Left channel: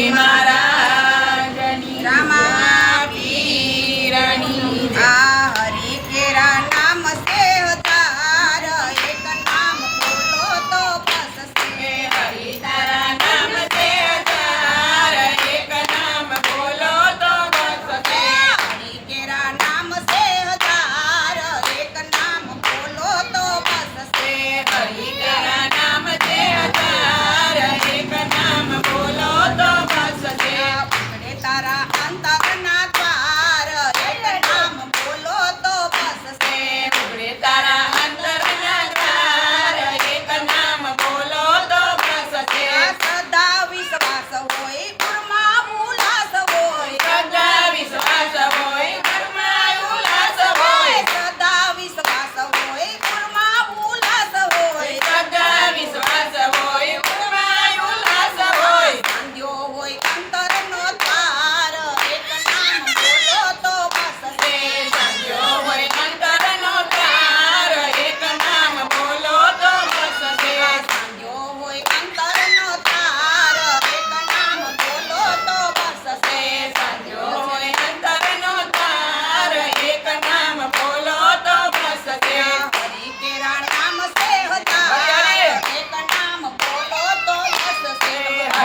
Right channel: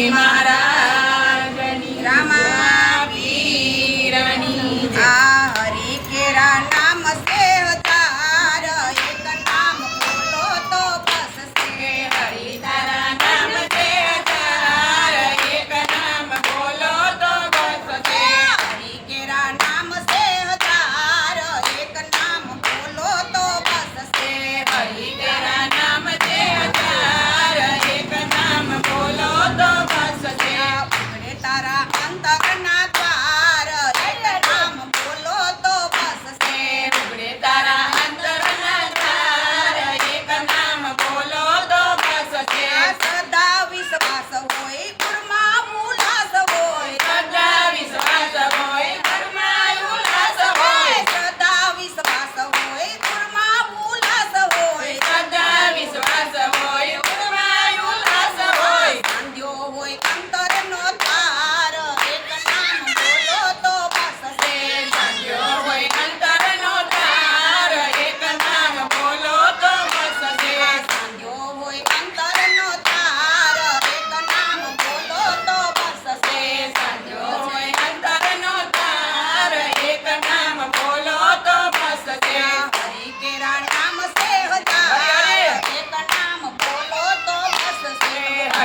Amen.